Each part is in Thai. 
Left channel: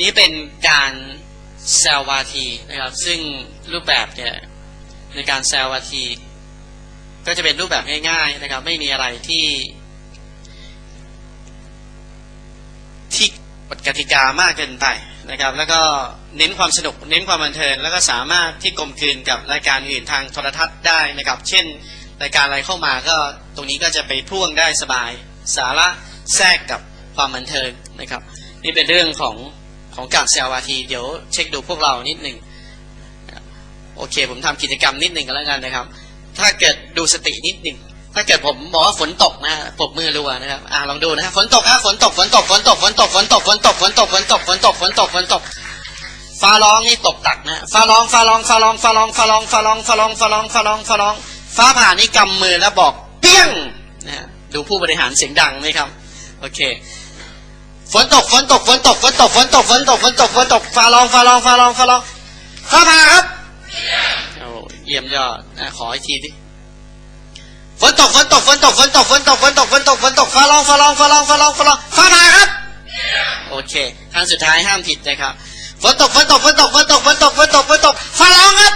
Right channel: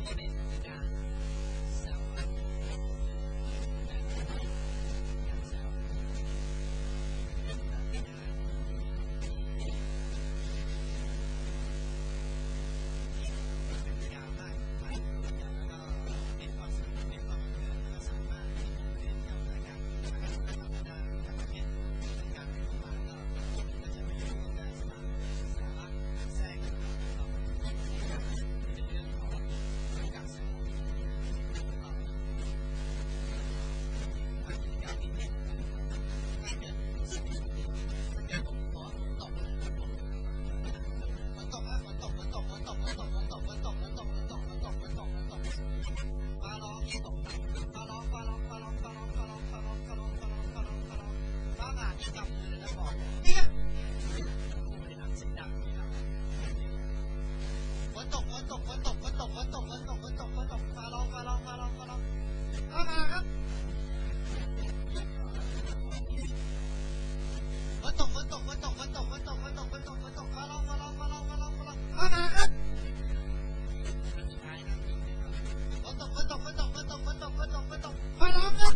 นี้เป็นการแซววาทีนะครับ ซึ่งรูปแบบเนี่ยในการแซววาที ก็จะเป็นรูปแบบง่ายๆนะครับ ไม่มีอะไรที่ ที่กฎกติกามากเกินไปนะครับ แล้วก็เน้นความสนุก เน้นความบันเทิงแล้วก็สามารถที่กลมกลืนกับรายการอื่นทางโทรทัศน์ได้นะครับ เช่น รายการอะไรเข้ามาก็ตรงนี้ก็จะไปพ่วงได้สบาย สาระแทรกกับความบันเทิงนะครับ นี่เป็นเรื่องของ ของการแซววาทีเดี๋ยวเช็คดูพวกเรานิดหนึ่งโอเค ผมทำกิจกรรมนิดหนึ่งกันแล้วกันนะครับ ถ้าเกิดดูสตินิดหนึ่งถ้าเกิดผมบอกว่าฝนตกนะปบมือรัวนะครับอ่าลองดูนะฝนตกฮะฝนตกฝนตกฝนตกฝนตกฝนตกฝนตกฝนตกฝนตกฝนตกฝนตกฝนตกฟ้าร้องนี่ตกตักนะฟ้าร้องฟ้าร้องฟ้าร้องฟ้าร้องฟ้าร้องฟ้าร้องฟ้าร้องฟ้าร้องฟ้าร้องฟ้าร้องฟ้าผ่านี่กำมือแล้วบอกเปี้ยงนะดูผู้บริหารเสียงดังไหมครับ โอเค ฝนตกฝนตกฝนตกฝนตกฝนตกฝนตกฝนตกฝนตกฟ้าร้องฟ้าร้องฟ้าร้องฟ้าร้องฟ้าผ่าครับโอ้เยี่ยมยอดนะขออีกทีดิฝนตกฝนตกฝนตกฝนตกฝนตกฝนตกฝนตกฝนตกฟ้าร้องฟ้าร้องฟ้าร้องฟ้าร้องฟ้าร้องฟ้าผ่าครับโอเคครั้งสุดท้ายห้ามผิดนะครับฝนตกฝนตกฝนตกฝนตกฝนตกฝนตกฝนตกฟ้าร้องครับ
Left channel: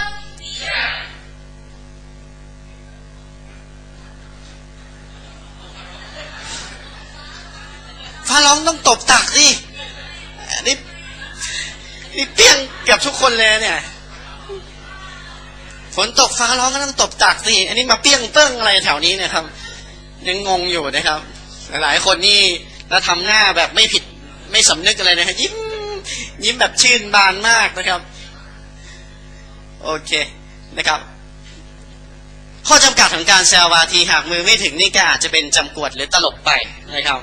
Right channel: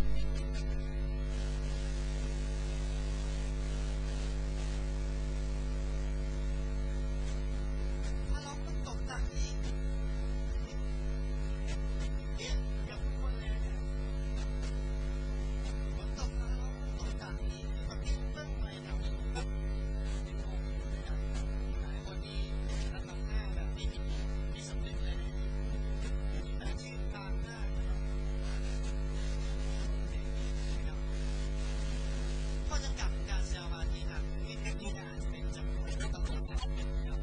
องต้องตบตักสิอันนี้นี่เปี้ยงเกับทุกคนเลยเนี่ยฝนตกฟ้าร้องก็ต้องตบตักสิอันนี้มาเปี้ยงเปิ้งอะไรแถวนี้เนะครับ ยังงงอยู่นะครับ หลายคนนี่แล้วทำหน้าแบบไม่ผิดไม่สำนึกอะไรนะครับยิ้มยิ้มแบบชื่นบานมากนะครับ โอเคนะครับ ข้อจำกัดของการแซววาทีหากมือไม่ถึงนี่ก็อาจจะเป็นจำกวดหรือตลกไปนะครับ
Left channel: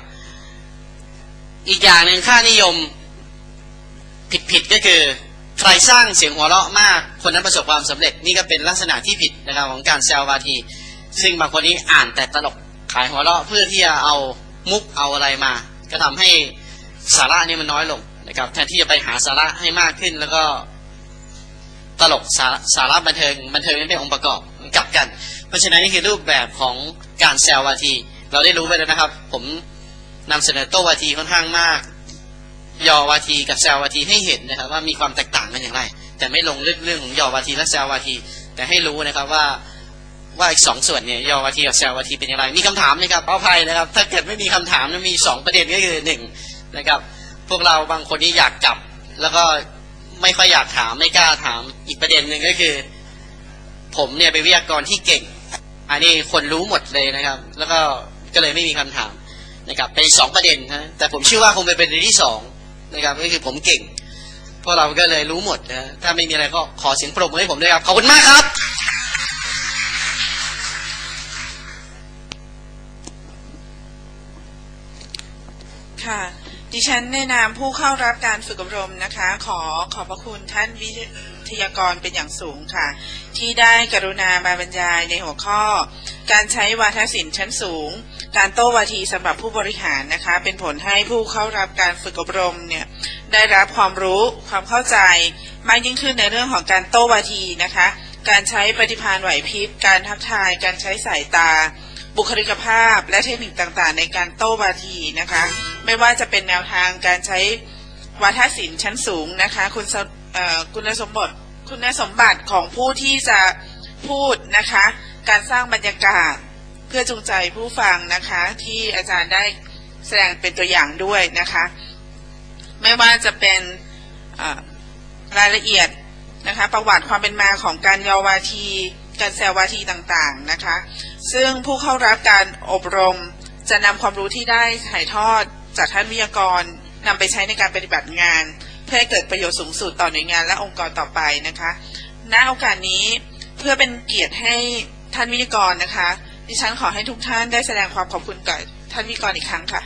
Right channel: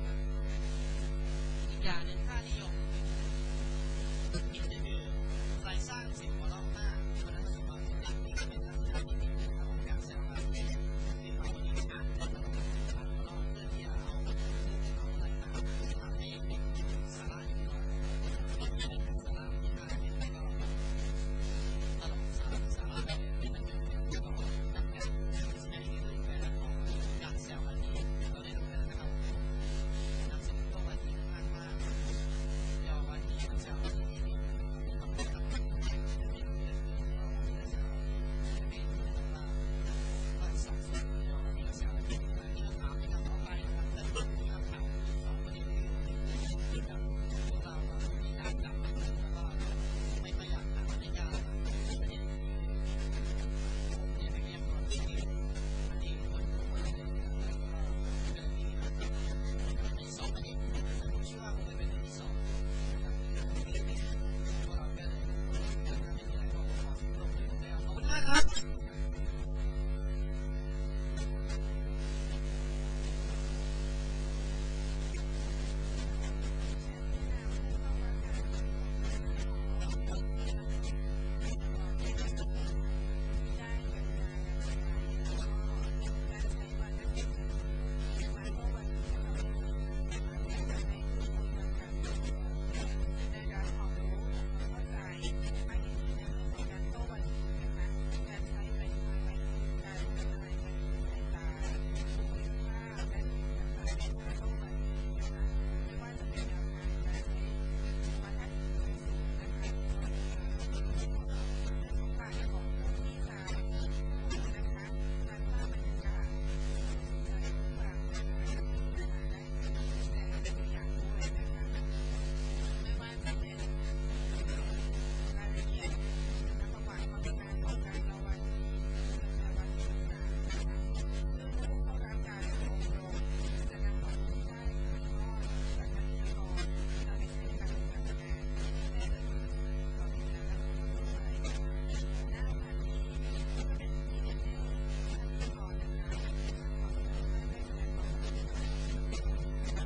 อีกอย่างหนึ่งค่านิยมผิดๆก็คือ ใครสร้างเสียงหัวเราะมาก คนนั้นประสบความสำเร็จนี่ก็เป็นลักษณะที่ผิดนะครับของการแซววาที ซึ่งบางคนนี้อ่านแต่ตลกขายหัวเราะเพื่อที่จะเอามุกเอาอะไรมา ก็ทำให้สาระนี่มันน้อยลงนะครับแทนที่จะไปหาสาระให้มากขึ้น แล้วก็ตลกสาสาระบันเทิงบันเทิงไม่เป็นองค์ประกอบมันกลับกัน เพราะฉะนั้นนี่คือรูปแบบของการแซววาที เราได้รู้ไปแล้วนะครับ ผม นำเสนอโตวาทีค่อนข้างมาก ยอวาทีกับแซววาทีให้เห็นนะครับ ว่ามีความแตกต่างกันอย่างไร แต่ไม่ลงลึกเรื่องของยอวาทีและแซววาที แต่ให้รู้นะครับว่าว่าอีกสองส่วนเนี่ยยอวาทีกับแซววาทีเป็นอย่างไร มีคำถามไหมครับเอาภัยนะครับ ถ้าเกิดไม่มีคำถามนะมีสองประเด็นก็คือหนึ่งนะครับ พวกเราบางคนนี่อยากกลับ แล้วก็ไม่ค่อยอยากถามไม่กล้าถามอีกประเด็นหนึ่งก็คือ ผมเนี่ยเป็นวิทยากรที่เก่ง อันนี้คนรู้หมดเลยนะครับ แล้วก็ก็เลยไม่มีคำถาม นะครับเป็นสองประเด็นนะแต่ผมเชื่อว่าคงเป็นประเด็นที่สองนะครับก็คือผมเก่งพวกเราก็เลยรู้หมดนะถ้าไม่มีอะไรก็ขอเสียงปรบมือให้ผมด้วยครับขอบคุณมากครับ ค่ะ ดิฉันในนามผู้เข้ารับการฝึกอบรมนะคะ ขอขอบพระคุณท่านวิทยากรเป็นอย่างสูงค่ะ ที่ได้กรุณามาบรรยายในหัวข้อ การใช้วาทศิลป์ชั้นสูง การโต้วาทีสำหรับผู้บริหารนะคะ เป็นผลให้ผู้เข้ารับการฝึกอบรมเนี่ยได้รับความรู้ความเข้าใจมากยิ่งขึ้นในเรื่องของการโต้วาทีนะคะ การใช้ปฏิภาณไหวพริบการทักทาย การใช้สายตา บุคลิกภาพ และเทคนิคต่างๆ ในการโต้วาทีนะคะ ไม่ว่าจะเป็นแนวทางการใช้วาทศิลป์ชั้นสูงนะคะ คุณสเอ่อคุณสมบัติคุณสมบัติของผู้ที่จะพูดนะคะ การสร้างบรรยากาศ พื่อจูงใจผู้ฟังนะคะที่อาจารย์ได้แสดงเป็นตัวอย่างด้วยนะคะ ไม่ว่าจะเป็นรายละเอียดนะคะประวัติความเป็นมาของการยอวาทีการแซววาทีต่างๆนะคะ ซึ่งผู้เข้ารับการอบรมจะนำความรู้ที่ได้ถ่ายทอดจากท่านวิทยากรนำไปใช้ในการปฏิบัติงาน เพื่อให้เกิดประโยชน์สูงสุดต่อหน่วยงานและองค์กรต่อไปนะคะ ณโอกาสนี้เพื่อเป็นเกียรติให้ท่านวิทยากรนะคะ ดิฉันขอให้ทุกท่านได้แสดงความขอบคุณกับท่านวิกรอีกครั้งค่ะ